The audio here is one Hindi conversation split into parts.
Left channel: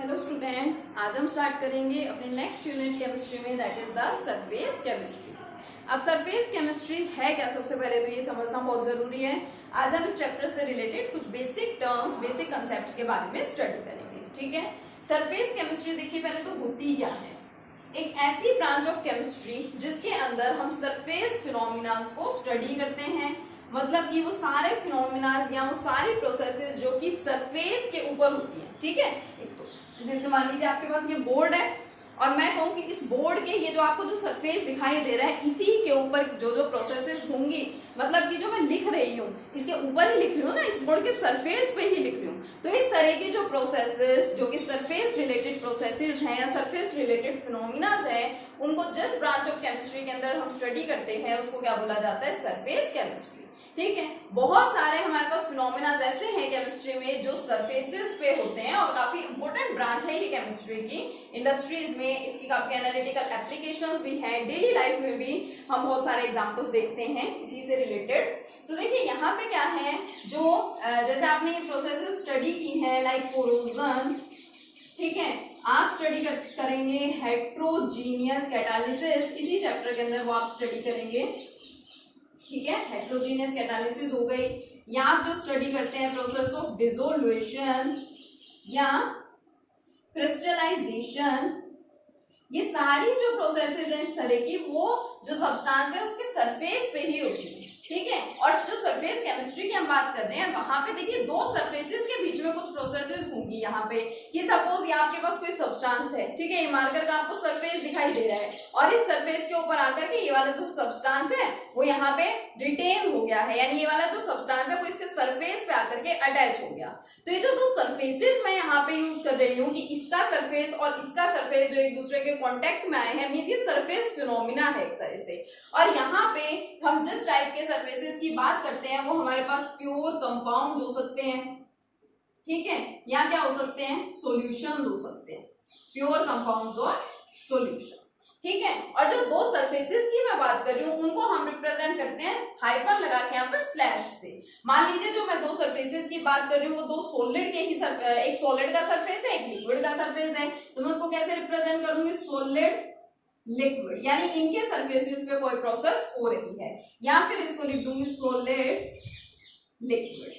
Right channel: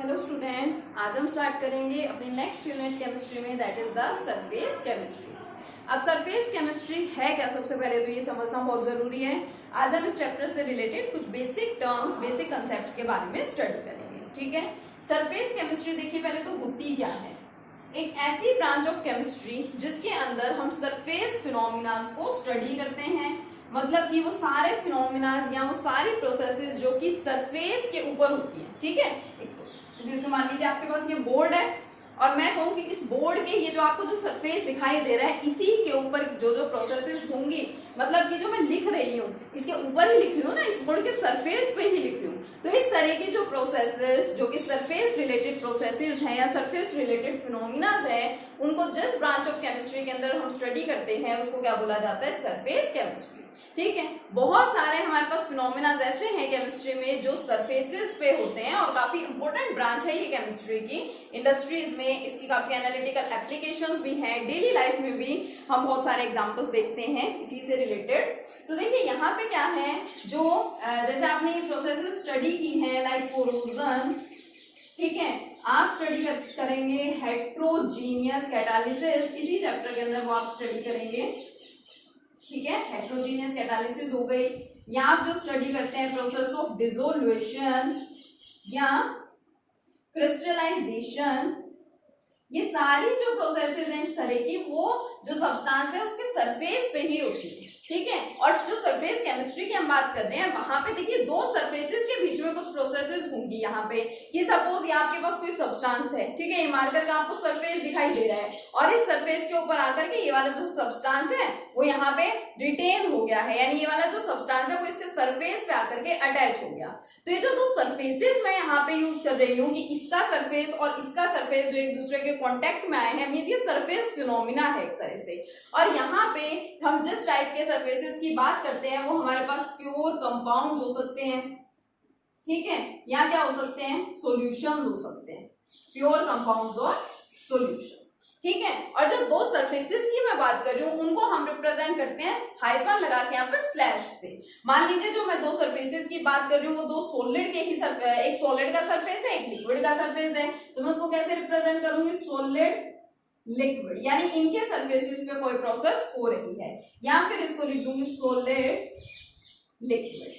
हेलो स्टूडेंट्स, आज हम स्टार्ट करेंगे अपने नेक्स्ट यूनिट केमिस्ट्री में, that is the surface chemistry. अब सरफेस केमिस्ट्री है क्या, सबसे पहले तो ये समझना बहुत जरूरी है। आज हम इस चैप्टर से रिलेटेड कुछ बेसिक टर्म्स, बेसिक कंसेप्ट्स के बारे में स्टडी करेंगे। ठीक है, सरफेस केमिस्ट्री देखिए पहले तो होती क्या है। एक ऐसी ब्रांच ऑफ केमिस्ट्री जिसके अंदर हम सरफेस फिनोमिनास को स्टडी करते हैं, मतलब कि वो सारे फिनोमिनास या वो सारी प्रोसेसेस जो कि सरफेस के ऊपर होती हैं। ठीक है, एक तो जैसे मान लीजिए आपके पास ये बोर्ड है और मैं कहूँ कि इस बोर्ड के ये जो आपको जो सरफेस दिखाई दे रहा है, इसी के ऊपर जो जो प्रोसेसेस होंगी, मतलब कि जो मैं लिख रही हूँ इसके ऊपर ही लिख रही हूँ ना, इस बोर्ड के सरफेस पे ही लिख रही हूँ। तो इस तरह की जो प्रोसेसेस जो कि सरफेस रिलेटेड प्रोसेसेस हैं या सरफेस रिलेटेड फिनोमिनास है, उनको जिस ब्रांच ऑफ केमिस्ट्री के अंदर हम स्टडी करते हैं उसको क्या बोला जाता है, सरफेस केमिस्ट्री। ठीक है, बहुत सारे हमारे पास फिनोमिना ऐसे हैं केमिस्ट्री में जो सरफेसेस पे होते हैं और काफी इंपॉर्टेंट ब्रांच है ये केमिस्ट्री की। इंडस्ट्रीज में इसकी काफी एनालिटिकल एप्लीकेशंस भी हैं, डेली लाइफ में भी हम बहुत सारे एग्जांपल्स देखते हैं इसी से रिलेटेड। तो देखिए यहाँ पे क्या है, जो जैसे आपने ये प्रोसेसेस स्टडी की है लाइक कोरोजन, ठीक है, आप स्टडी करेंगे हेट्रोजीनियस कैटालिसिस, इसी चैप्टर के अंदर वो आप स्टडी करेंगे। ठीक है, हेट्रोजीनियस कैटालिसिस हो गई, या आप जो स्टडी करते हैं प्रोसेस ऑफ डिसोल्यूशन या क्रिस्टलाइजेशन, ये सारी जो प्रोसेसेस हैं इस तरह की, वो जो सब्सटेंस है उसके सरफेस पे ही होती है। ठीक है, और जो सरफेस केमिस्ट्री की हम बात कर रहे हैं, वहां पे देखिए दो सरफेसेस के बीच में कुछ प्रोसेसेस होंगी। यहाँ पे कि सपोज ये आपके पास कोई सब्सटेंस है, ठीक है, ये मार्कर का आपको सरफेस दिखाई दे रहा है और इस सरफेस के ऊपर आकर के ये वाला जो सब्सटेंस है वो यहाँ पे रिटेन हो गया है, यानी ये वाला जो सब्सटेंस है वो इसके सरफेस पे आकर के अटैच हो गया। तो ये जो दो सरफेसेस मैं यहाँ पे यूज कर रही हूँ कि इसका सरफेस और इसका सरफेस जो एक दूसरे के कॉन्टेक्ट में आए हैं, मींस ये सरफेस फिनोमिना है एक तरह से। और यहाँ पे हम जिस टाइप के सरफेसेस की बात करते हैं वो हमारे पास प्योर कंपाउंड हो सकते हैं, ठीक है, या क्या हो सकते हैं, सॉल्यूशंस हो सकते हैं, प्योर कंपाउंड्स और सॉल्यूशंस। ठीक है, और जो दो सरफेसेस की मैं बात कर रही हूँ उनको हम रिप्रेजेंट करते हैं हाइफन लगा के या फिर स्लैश से। मान लीजिए जो मैं दो सरफेसेस की बात कर रही हूँ वो दो सॉलिड के ही एक सॉलिड का सरफेस है, एक लिक्विड का सरफेस है, तो मैं उसको कैसे रिप्रेजेंट करूंगी, सॉलिड लिक्विड, यानी इनके सरफेसेस पे कोई प्रोसेस हो रही है, या फिर इसको लिख दूंगी सॉलिड लिक्विड।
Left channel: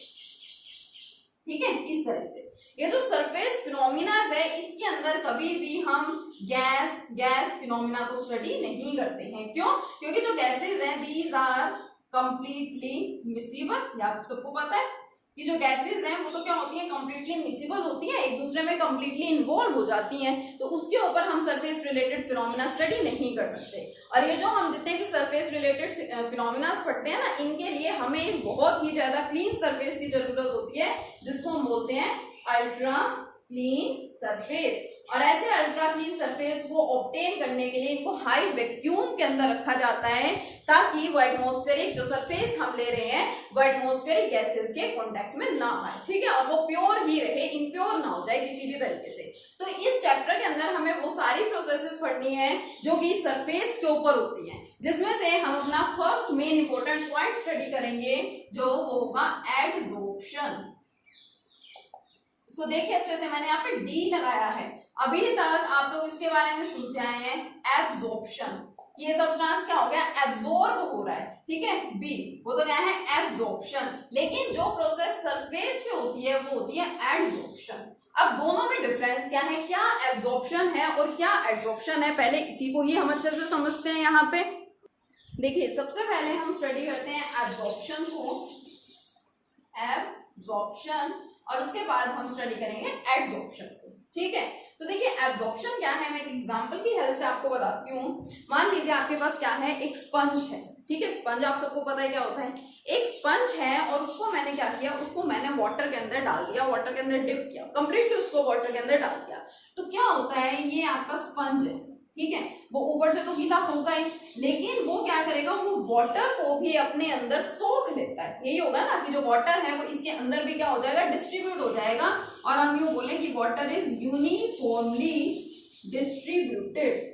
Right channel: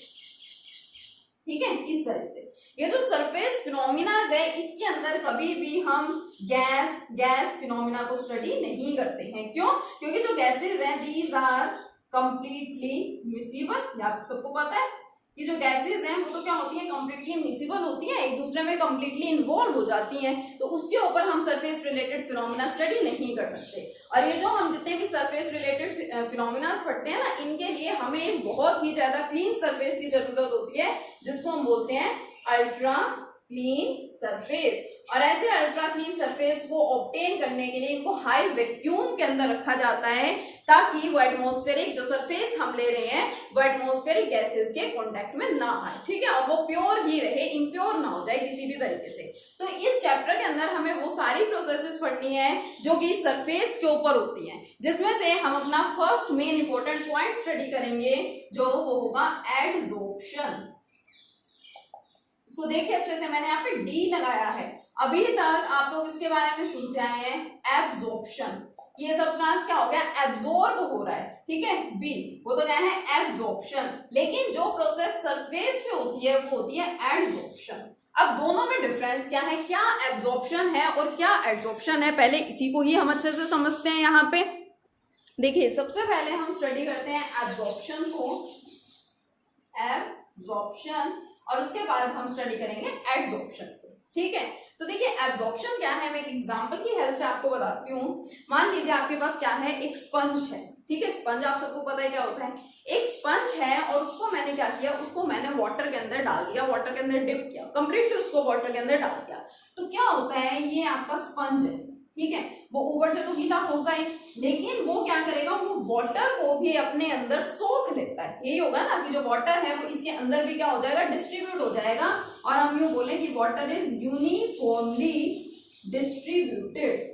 ठीक है, इस तरह से ये जो सरफेस फिनोमिना है इसके अंदर कभी भी हम गैस फिनोमिना को स्टडी नहीं करते हैं। क्यों? क्योंकि जो गैसेज हैं दीज आर कंप्लीटली मिसिबल। या आप सबको पता है कि जो गैसेज हैं वो तो क्या होती है, कंप्लीटली मिसिबल होती है, एक दूसरे में कंप्लीटली इन्वॉल्व हो जाती हैं, तो उसके ऊपर हम सरफेस रिलेटेड फिनोमिना स्टडी नहीं कर सकते। और ये जो हम जितने भी सरफेस रिलेटेड फिनोमिना पढ़ते हैं ना, इनके लिए हमें एक बहुत ही ज्यादा क्लीन सरफेस की जरूरत होती है, जिसको हम बोलते हैं अल्ट्रा क्लीन सरफेस। और ऐसे अल्ट्रा क्लीन सरफेस को ऑब्टेन करने के लिए इनको हाई वैक्यूम के अंदर रखा जाता है, ताकि वो एटमॉस्फेरिक जो सरफेस हम ले रहे हैं वो एटमॉस्फेरिक गैसेस के कांटेक्ट में ना आए। ठीक है, और वो प्योर ही रहे, इम्प्योर ना हो जाए किसी भी तरीके से। तो इस चैप्टर के अंदर हमें वो सारी प्रोसेसेस पढ़नी है जो कि सरफेस के ऊपर होती हैं, जिसमें से हम अपना first main important point study करेंगे जो वो होगा एडसॉर्प्शन। उसको देखिए अच्छे से, मैंने यहाँ पे डी लगाया है। अभी तक आप लोग इसके बारे में सुनते आए हैं एब्जॉर्प्शन, ये सब्सटेंस क्या हो गया, एब्जॉर्ब हो रहा है। ठीक है, बी वो तो क्या है, एब्जॉर्प्शन। लेकिन जो प्रोसेस सरफेस पे होती है वो होती है एडसॉर्प्शन। अब दोनों में डिफरेंस क्या है, क्या एब्जॉर्प्शन है और क्या एडसॉर्प्शन है, पहले इसी को ही हम अच्छे से समझते हैं। यहाँ पे देखिए सबसे पहले हम स्टडी करते हैं एब्जॉर्प्शन को, एब्जॉर्प्शन, और उसके बाद हम स्टडी करेंगे एडसॉर्प्शन को। ठीक है, तो देखिए एब्जॉर्प्शन क्या है, मैं एक एग्जांपल की हेल्प से आपको बताती हूँ। मान लीजिए आपके पास क्या है, एक स्पंज है। ठीक है, स्पंज आप सबको पता है क्या होता है, एक स्पंज है और उसको मैंने क्या किया, उसको मैंने वाटर के अंदर डाल दिया, वाटर के अंदर डिप किया, कंप्लीटली उसको वाटर के अंदर डाल दिया। तो क्या होता है, ये आपका स्पंज है, ठीक है, वो ऊपर से तो गीला होगा ही, लेकिन वो क्या करेगा, वो वाटर को भी अपने अंदर सोख लेता है। यही होगा ना कि जो वाटर है वो इसके अंदर भी क्या हो जाएगा, डिस्ट्रीब्यूट हो जाएगा, और हम यूं बोले कि वाटर इज यूनिफॉर्मली डिस्ट्रीब्यूटेड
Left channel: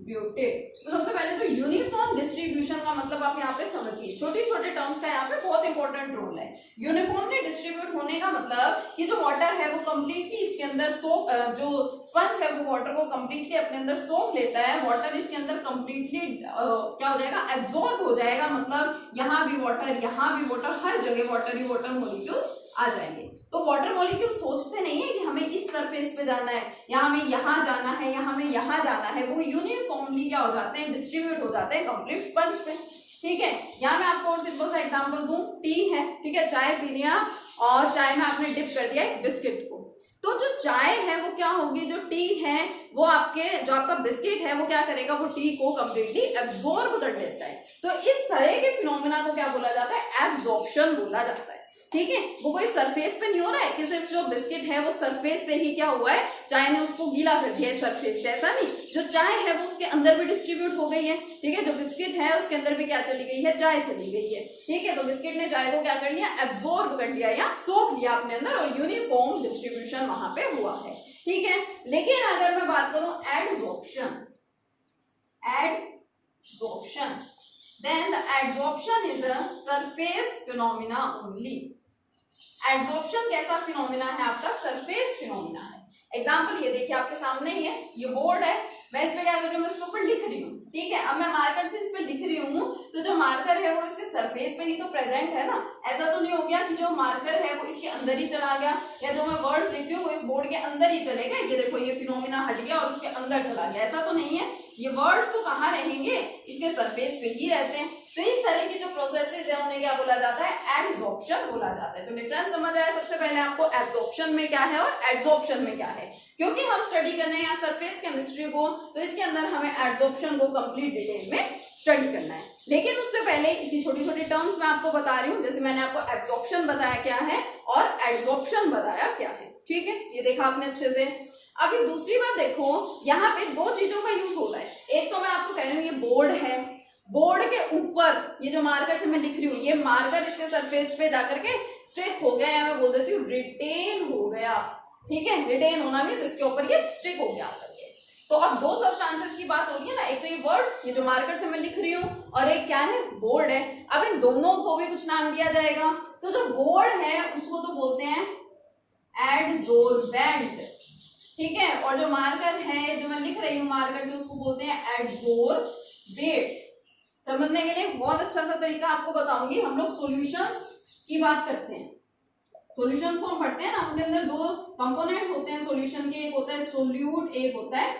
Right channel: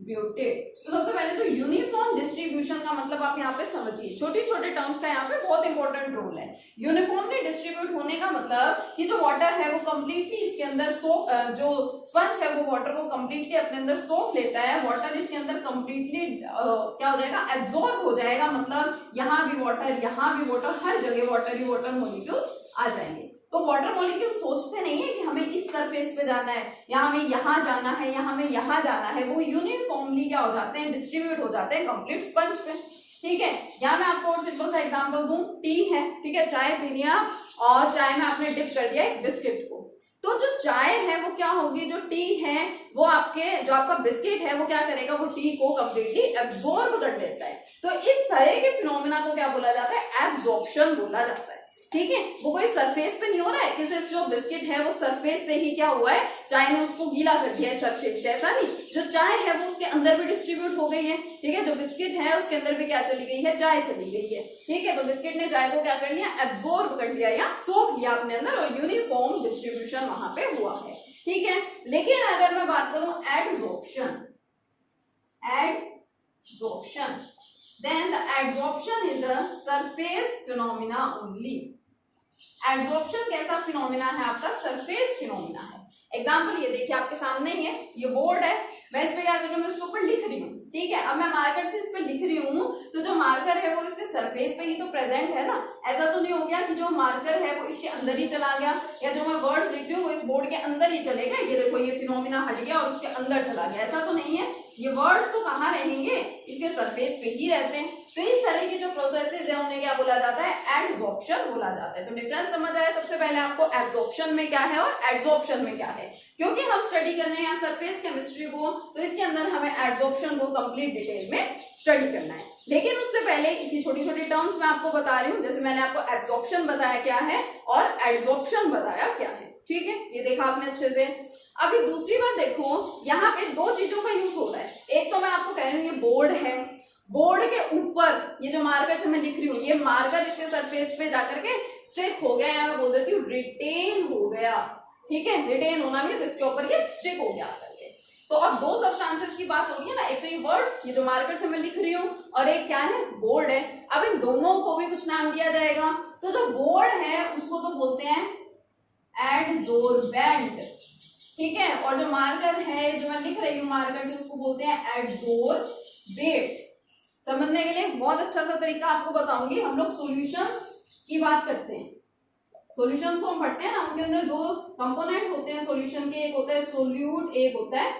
तो सबसे पहले तो यूनिफॉर्म डिस्ट्रीब्यूशन का मतलब आप यहाँ पे समझिए, छोटे छोटे टर्म्स का यहाँ पे बहुत इंपॉर्टेंट रोल है। यूनिफॉर्मली डिस्ट्रीब्यूट होने का मतलब कि जो वाटर है वो कंप्लीटली इसके अंदर सोख, जो स्पंज है वो वाटर को कंप्लीटली अपने अंदर सोख लेता है, वाटर इसके अंदर कंप्लीटली क्या हो जाएगा, एब्जॉर्ब हो जाएगा, मतलब यहाँ भी वाटर, यहाँ भी वाटर, हर जगह वाटर ही वाटर मॉलिक्यूल्स आ जाएंगे। तो वाटर मॉलिक्यूल सोचते नहीं है कि हमें इस सरफेस पे जाना है या हमें यहाँ जाना है या हमें यहाँ जाना है, वो यूनिफॉर्मली क्या हो जाते हैं, डिस्ट्रीब्यूट हो जाते हैं कंप्लीट स्पंज पे। ठीक है, यहाँ मैं आपको और सिंपल सा एग्जांपल दूं, टी है, ठीक है, चाय पी रही हैं और चाय में आपने डिप कर दिया एक बिस्किट को, तो जो चाय है वो क्या होगी, जो टी है वो आपके, जो आपका बिस्किट है वो क्या करेगा, वो टी को कंप्लीटली एब्जॉर्ब कर लेता है। तो इस तरह के फिनोमेना को क्या बोला जाता है, एब्जॉर्प्शन बोला जाता है। ठीक है, वो कोई सरफेस पे नहीं हो रहा है कि सिर्फ जो बिस्किट है वो सरफेस से ही क्या हुआ है, चाय ने उसको गीला कर दिया है सरफेस से, ऐसा नहीं, जो चाय है वो उसके अंदर भी डिस्ट्रीब्यूट हो गई है। ठीक है, जो बिस्किट है उसके अंदर भी क्या चली गई है, चाय चली गई है। ठीक है, तो बिस्किट ने चाय को क्या कर लिया, एब्जॉर्ब कर लिया या सोख लिया अपने अंदर, और यूनिफॉर्म डिस्ट्रीब्यूशन वहां पे हुआ है। ठीक है, लेकिन अगर मैं बात करूं adsorption, then the adsorption is a surface phenomena only। Adsorption कैसा फिनोमिना है आपका, सरफेस फिनोमिना है। एग्जांपल ये देखिए आपके सामने ही है, ये बोर्ड है, मैं इस पे क्या कर रही हूँ, मैं इसके ऊपर लिख रही हूँ। ठीक है, अब मैं मार्कर से इस पे लिख रही हूँ, तो जो मार्कर है वो इसके सरफेस पे ही तो प्रेजेंट है ना, ऐसा तो नहीं हो गया कि जो मार्कर है वो इसके अंदर ही चला गया, या जो मैं वर्ड्स लिख रही हूँ वो इस बोर्ड के अंदर ही चले गए, ये देखो ये फिनोमिना हट गया और उसके अंदर चला गया, ऐसा तो नहीं है। ये वर्ड्स तो कहाँ रहेंगे, इसके सरफेस पे ही रहते हैं। तो इस तरह की जो प्रोसेसेस है उन्हें क्या बोला जाता है, एडसॉर्प्शन बोला जाता है। तो डिफरेंस समझ आया सबसे पहले आपको, एब्जॉर्प्शन में क्या है और एडसॉर्प्शन में क्या है। क्योंकि हम स्टडी कर रहे हैं सरफेस केमिस्ट्री को, तो इसके अंदर हमें एड्सॉर्प्शन को कंप्लीट डिटेल में स्टडी करना है। लेकिन उससे पहले इसकी छोटी छोटी टर्म्स मैं आपको बता रही हूँ, जैसे मैंने आपको एब्जॉर्प्शन बताया क्या है और एडसॉर्प्शन बताया क्या है। ठीक है, ये देखा आपने अच्छे से। अभी दूसरी बात देखो, यहाँ पे दो चीजों का यूज होता है। एक तो मैं आपको कह रही हूँ ये बोर्ड है, बोर्ड के ऊपर ये जो मार्कर से मैं लिख रही हूँ, ये मार्कर इसके सरफेस पे जाकर के स्टिक हो गया, या मैं बोल देती हूँ रिटेन हो गया। ठीक है, रिटेन होना मीन्स इसके ऊपर ये स्टिक हो गया करके। तो अब दो सब्सटेंसेस की बात हो रही है ना, एक तो ये वर्ड्स, ये जो मार्कर से मैं लिख रही हूँ, और एक क्या है, बोर्ड है। अब इन दोनों को भी कुछ नाम दिया जाएगा। तो जो बोर्ड है उसको तो बोलते हैं एडसोर्बेंट। ठीक है, और जो मार्कर है जो मैं लिख रही हूँ मार्कर से, उसको बोलते हैं एडसोर्बेट। समझने के लिए बहुत अच्छा सा तरीका आपको बताऊंगी। हम लोग सॉल्यूशंस की बात करते हैं, सॉल्यूशंस को हम पढ़ते हैं ना, उनके अंदर दो कंपोनेंट्स होते हैं सॉल्यूशन के, एक होता है सोल्यूट, एक होता है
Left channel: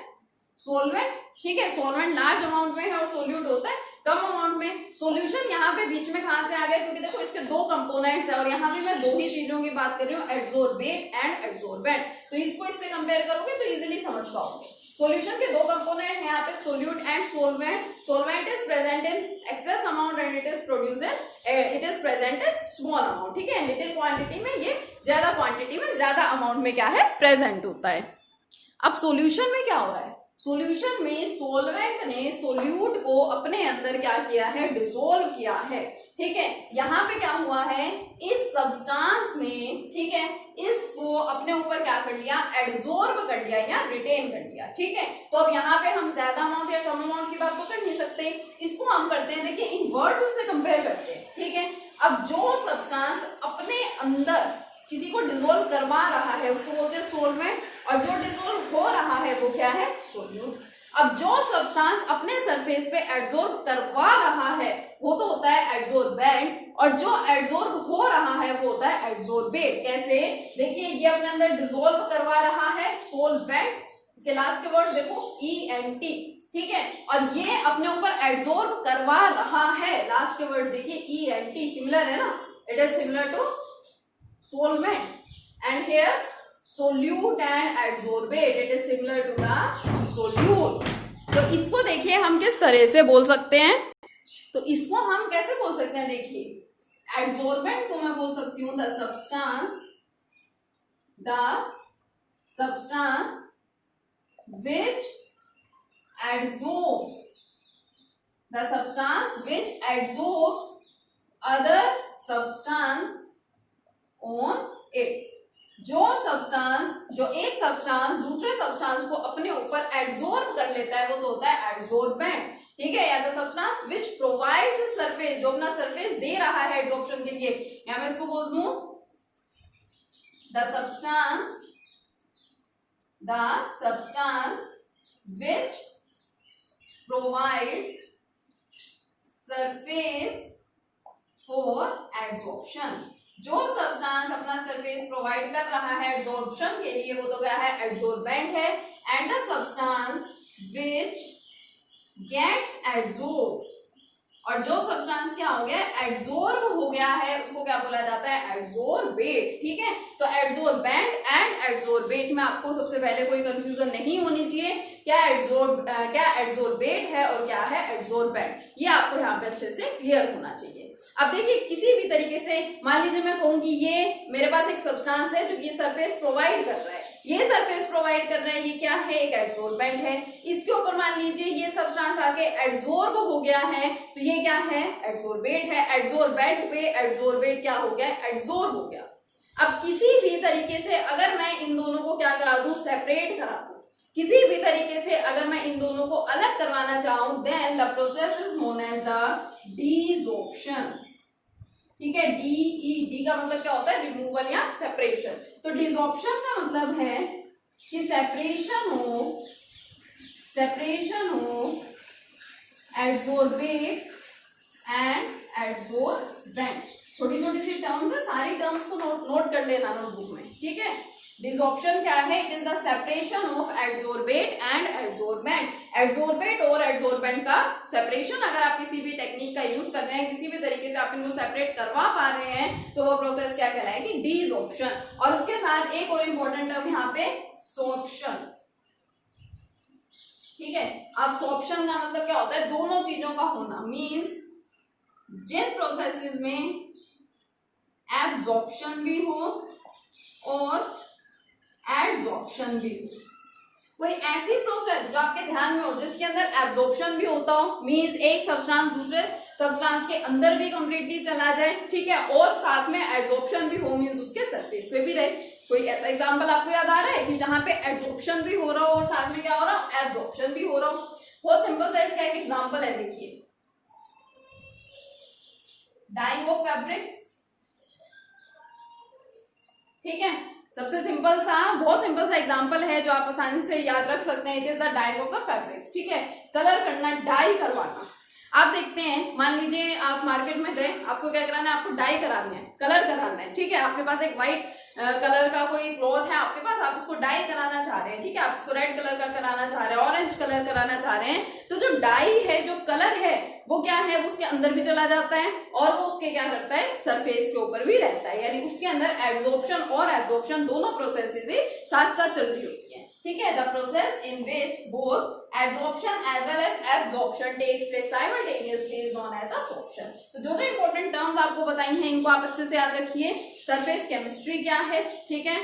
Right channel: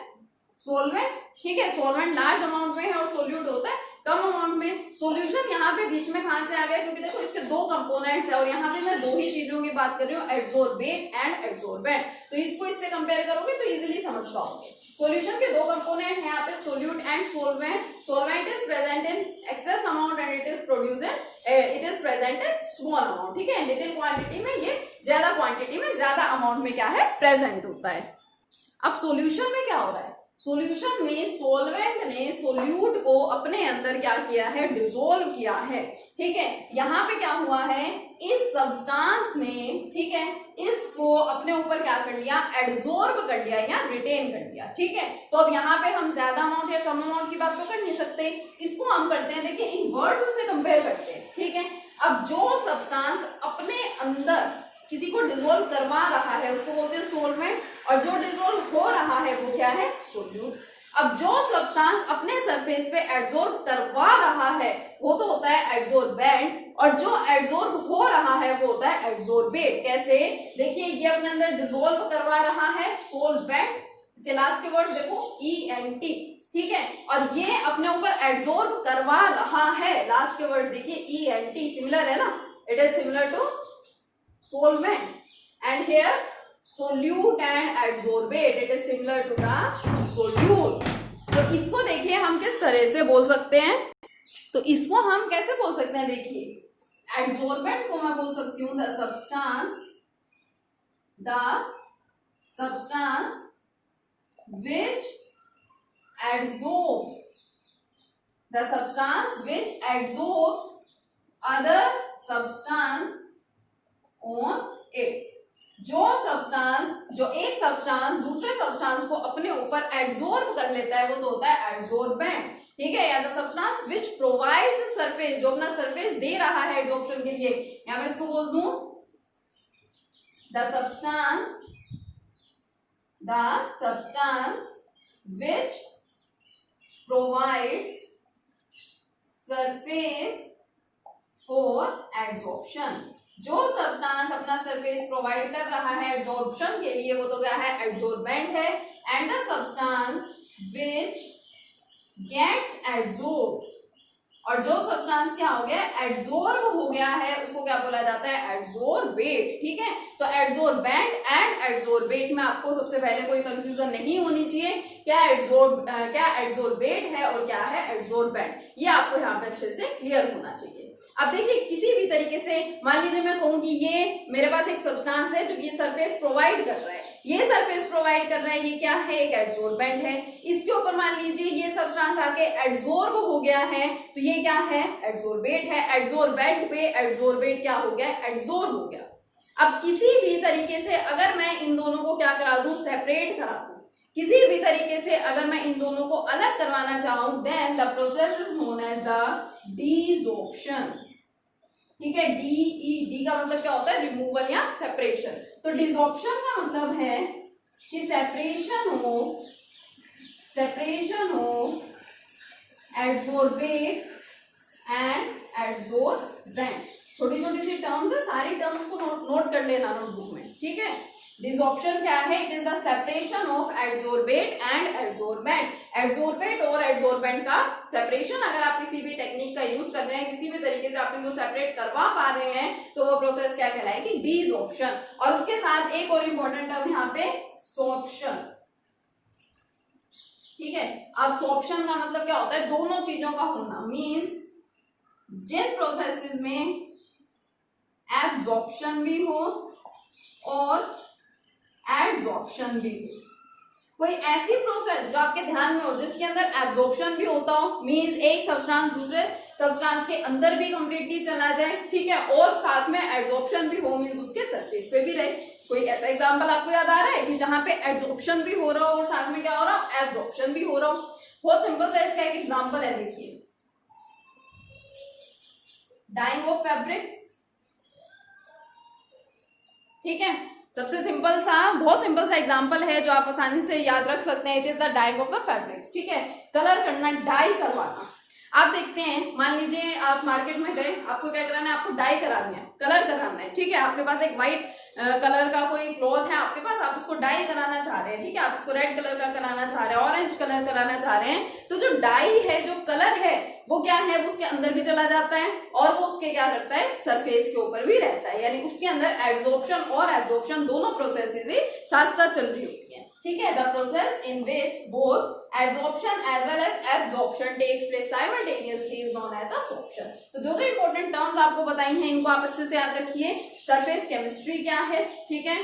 सोलवेंट। ठीक है, सोलवेंट लार्ज अमाउंट में है और सोल्यूट होता है कम अमाउंट में। सॉल्यूशन यहाँ पे बीच में कहां से आ गया, क्योंकि देखो इसके दो कंपोनेंट्स है और यहाँ पे मैं दो ही चीजों की बात कर रही हूँ, एडसोर्बेट एंड एडसोर्बेंट। तो इसको इससे कंपेयर करोगे तो इजिली समझ पाओगे। सॉल्यूशन के दो कंपोनेंट है यहाँ पे, solute and solvent. Solvent is present in excess amount and it is produce it is present in small amount. ठीक है, लिटिल क्वांटिटी में, ये ज्यादा क्वांटिटी में, ज्यादा अमाउंट में क्या है, प्रेजेंट होता है। अब सॉल्यूशन में क्या हो रहा है, सॉल्यूशन में सोलवेंट ने सोल्यूट को अपने अंदर क्या किया है, डिसोल्व किया है। ठीक है, यहाँ पे क्या हुआ है, इस सब्सटेंस ने, ठीक है, इसको अपने ऊपर क्या कर लिया, एडसॉर्ब कर लिया या रिटेन कर लिया। ठीक है, तो अब यहाँ पे हम ज्यादा अमाउंट या कम अमाउंट की बात तो कर नहीं सकते, इसको हम करते हैं, देखिए इन वर्ड्स से कंपेयर करते हैं। ठीक है, अब जो सब्सटेंस अपने अंदर किसी को डिसोल्व करवा रहा है उसको बोलते हैं सोलवेंट, और जो डिसोल्व हो रहा है वो क्या है, सोल्यूट। अब जो सब्सटेंस अपने सरफेस पे एडसॉर्ब करवा रहा है वो तो होता है एडसोर्बेंट, और जो एडसॉर्ब हो रहा है वो होता है एडसोर्बेट। कैसे, देखिए ये अपने अंदर डिसोल्व करवा रहा है सोलवेंट, इसके लास्ट के वर्ड्स देखो ENT। ठीक है, और ये अपने ऊपर एडसॉर्ब करवा रहा है, लास्ट के वर्ड्स देखिए ENT, सिमिलर है ना, it is similar to solvent, and here solute and adsorbate, it is similar to the solute। तो इसको देखिए हम किस तरह से बोल सकते हैं, तो इसको हम कैसे बोल सकते हैं, देखिए एडसोर्बेंट को मैं बोल सकती हूँ the substance which adsorbs, the substance which adsorbs other substance on it, जो एक सब्सटेंस दूसरे सब्सटेंस को अपने ऊपर एब्जॉर्ब कर लेता है वो तो होता है एब्जॉर्बेंट, ठीक है। या the substance which provides surface, जो अपना सरफेस दे रहा है एब्जॉर्प्शन के लिए, या मैं इसको बोल दूं the substance which provides surface for absorption. जो सब्सटेंस अपना सरफेस प्रोवाइड कर रहा है एब्जॉर्प्शन के लिए वो तो क्या है, एब्जॉर्बेंट है। And the substance which gets absorb, और जो सब्सटेंस क्या हो गया, एब्जॉर्ब हो गया है, उसको क्या बोला जाता है, एब्जॉर्बेट, ठीक है। तो एब्जॉर्बेंट एंड एब्जॉर्बेट में आपको सबसे पहले कोई कंफ्यूजन नहीं होनी चाहिए, क्या एब्जॉर्बेट है और क्या है एब्जॉर्बेंट, ये आपको यहाँ पे अच्छे से क्लियर होना चाहिए। अब देखिए किसी भी तरीके से मान लीजिए मैं कहूँ कि ये मेरे पास एक सब्सटेंस है जो ये सरफेस प्रोवाइड कर रहा है, ये सरफेस प्रोवाइड कर रहा है, ये क्या है, एक एब्जॉर्बेंट है। इसके ऊपर मान लीजिए ये सब्सटेंस आके एब्जॉर्ब हो गया है, तो ये क्या है, एब्जॉर्बेट है। एब्जॉर्बेंट पे एब्जॉर्बेट क्या हो गया, एब्जॉर्ब हो गया। अब किसी भी तरीके से अगर मैं इन दोनों को क्या करा दूं, सेपरेट करा दूं, किसी भी तरीके से अगर मैं इन दोनों को अलग करवाना चाहूं, then the process is known as the desorption, ठीक है। डी का मतलब क्या होता है, रिमूवल या सेपरेशन। तो डिसॉर्प्शन का मतलब है कि separation of absorbent and absorbent. छोटी छोटी सी टर्म्स है, सारी टर्म्स को नोट कर लेना नोटबुक में, ठीक है। डिसॉर्प्शन क्या है, it is the separation of absorbent and absorbent. Absorbent और एब्जॉर्बेंट का सेपरेशन, अगर आप किसी भी टेक्निक का यूज कर रहे हैं, किसी भी तरीके से आप इनको सेपरेट करवा पा रहे हैं, तो वो प्रोसेस क्या कहलाएगी, डिसॉर्प्शन। और उसके साथ एक और इंपॉर्टेंट टर्म यहाँ पे सॉर्प्शन, ठीक है। अब सॉर्प्शन का मतलब क्या होता है, दोनों चीजों का होना, मीन्स जिन प्रोसेसेस में एब्जॉर्प्शन भी हो और एब्जॉर्प्शन भी हो, कोई ऐसी प्रोसेस जो आपके ध्यान में हो जिसके अंदर एब्जॉर्प्शन भी होता हो, मींस एक सब्सटेंस दूसरे सब्सटेंस के अंदर भी कंप्लीटली चला जाए, ठीक है, और साथ में एब्जॉर्प्शन भी हो, मींस उसके सरफेस पे भी रहे। कोई ऐसा एग्जांपल आपको याद आ रहा है कि जहां पे एब्जॉर्प्शन भी हो रहा हो और साथ में क्या हो रहा हो, एब्जॉर्प्शन भी हो रहा हो? बहुत सिंपल सा इसका एक एग्जांपल है, देखिए डाइंग ऑफ फैब्रिक्स, ठीक है। सबसे सिंपल सा, बहुत सिंपल सा एग्जांपल है जो आप आसानी से याद रख सकते हैं, it is the dyeing of the fabrics, ठीक है। कलर करना, डाई करवाना। आप देखते हैं, मान लीजिए आप मार्केट में गए, आपको क्या कराना है, आपको डाई करानी है, कलर कराना है, ठीक है। आपके पास एक व्हाइट कलर का कोई क्लॉथ है आपके पास, आप उसको डाई कराना चाह रहे हैं, ठीक है। आप उसको रेड कलर का कराना चाह रहे हैं, ऑरेंज कलर कराना चाह रहे हैं, तो जो डाई है, जो कलर है, वो क्या है, वो उसके अंदर भी चला जाता है और वो उसके क्या करता है, सरफेस के ऊपर भी रहता है, यानी उसके अंदर एब्जॉर्प्शन और एब्जॉर्प्शन दोनों प्रोसेसेस ही साथ साथ चल रही होती है, ठीक है। The process in which both absorption as well as absorption takes place simultaneously is known as a sorption. तो जो जो इंपॉर्टेंट टर्म्स आपको बताई हैं, इनको आप अच्छे से याद रखिए। सरफेस केमिस्ट्री क्या है, ठीक है।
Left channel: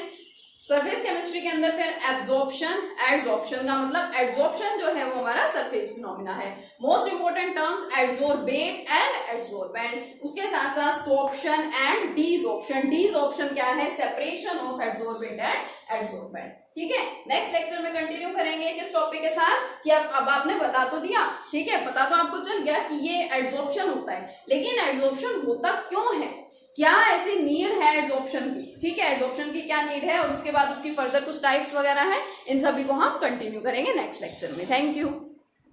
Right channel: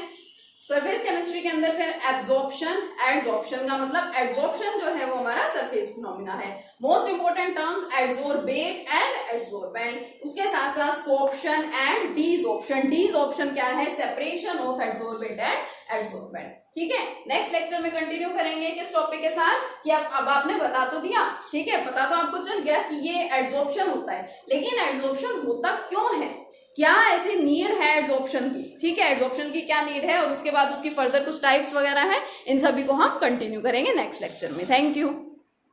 सरफेस केमिस्ट्री के अंदर फिर एब्जॉर्प्शन, एड्सॉर्प्शन का मतलब एड्सॉर्प्शन जो है वो हमारा सरफेस फिनोमिना है। Most important terms adsorbate and adsorbent, उसके साथ साथ सॉर्प्शन एंड डिसॉर्प्शन। डिसॉर्प्शन क्या है, separation of adsorbate and adsorbent, ठीक है। नेक्स्ट लेक्चर में कंटिन्यू करेंगे किस टॉपिक के साथ, कि अब आपने बता तो दिया, ठीक है, पता तो आपको चल गया कि ये एड्सॉर्प्शन होता है, लेकिन एड्सॉर्प्शन होता क्यों है, क्या ऐसी नीड है एड्सॉर्प्शन की, ठीक है, एड्सॉर्प्शन की क्या नीड है, और उसके बाद उसकी फर्दर कुछ टाइप्स वगैरह है, इन सभी को हम कंटिन्यू करेंगे नेक्स्ट लेक्चर में। Thank you.